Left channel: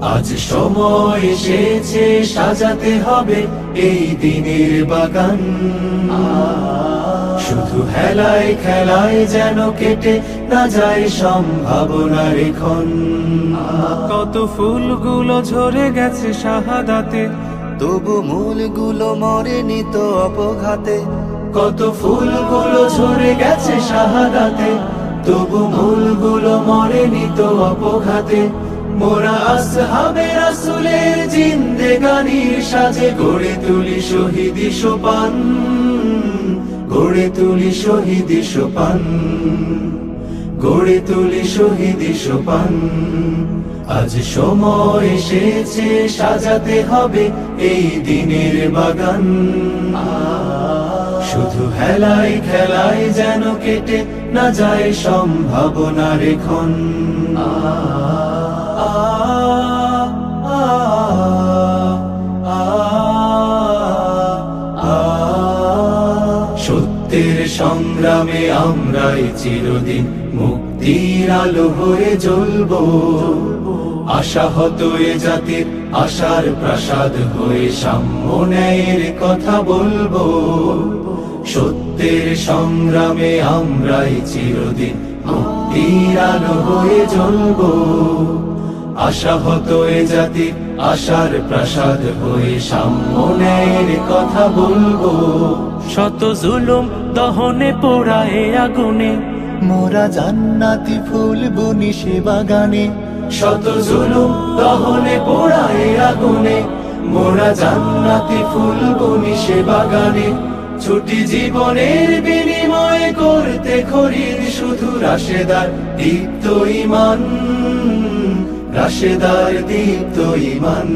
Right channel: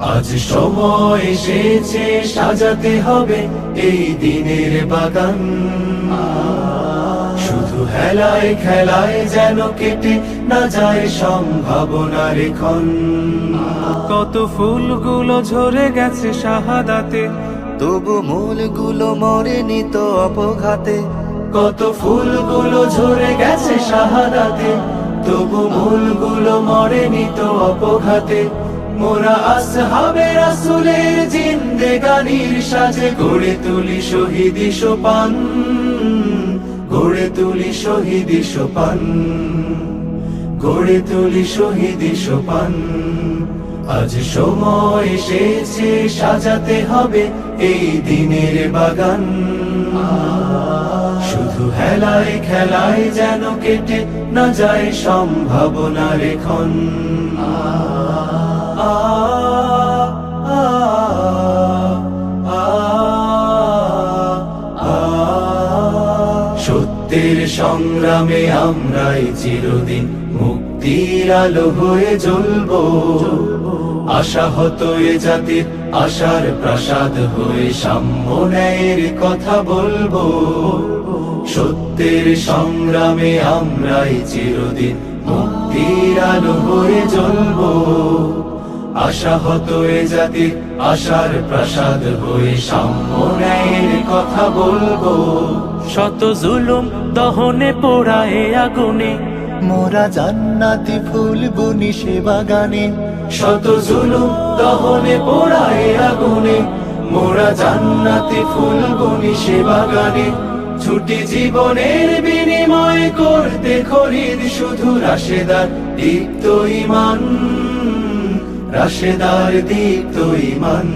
আজ সময় এসেছে সাজাতে হবে এই দিনের বাগান। শুধু হেলায় খেলায় যেন কেটে না যায় সম্ভাবনার ক্ষণ। কত ফুলগুলো ঝরে গেছে শাহাদাতে, তবু মূলগুলো মরেনি তো অপঘাতে। কত ফুলগুলো ঝরে গেছে শাহাদাতে, তবু মূলগুলো মরেনি তো অপঘাতে। মোরা আসহাবে রাসূলের জিন্দেগানির সাজে গড়ে তুলি শহীদি সোপান, গড়ে তুলি শহীদি সোপান, গড়ে তুলি শহীদি সোপান। আজ সময় এসেছে সাজাতে হবে এই দিনের বাগান। শুধু হেলায় খেলায় যেন কেটে না যায় সম্ভাবনার ক্ষণ। সত্যের সংগ্রামে আমরাই চিরদিন মুক্তির আলো হয়ে জ্বলবো। আশাহত এ জাতির আশার প্রাসাদ হয়ে সাম্য ন্যায়ের কথা বলবো। সত্যের সংগ্রামে আমরাই চিরদিন মুক্তির আলো হয়ে জ্বলবো। আশাহত এ জাতির আশার প্রাসাদ হয়ে সাম্য ন্যায়ের কথা বলবো। শত জুলুম দহনে পোড়ায় আগুনে, মোরা জান্নাতি ফুল বুনি সে বাগানে। শত জুলুম দহনে পোড়ায় আগুনে, মোরা জান্নাতি ফুল বুনি সে বাগানে। ছুটি জীবনের বিনিময় করতে খরিদ শুধু রাশেদার দীপ্ত ঈমান, রাশেদার দীপ্ত ঈমান।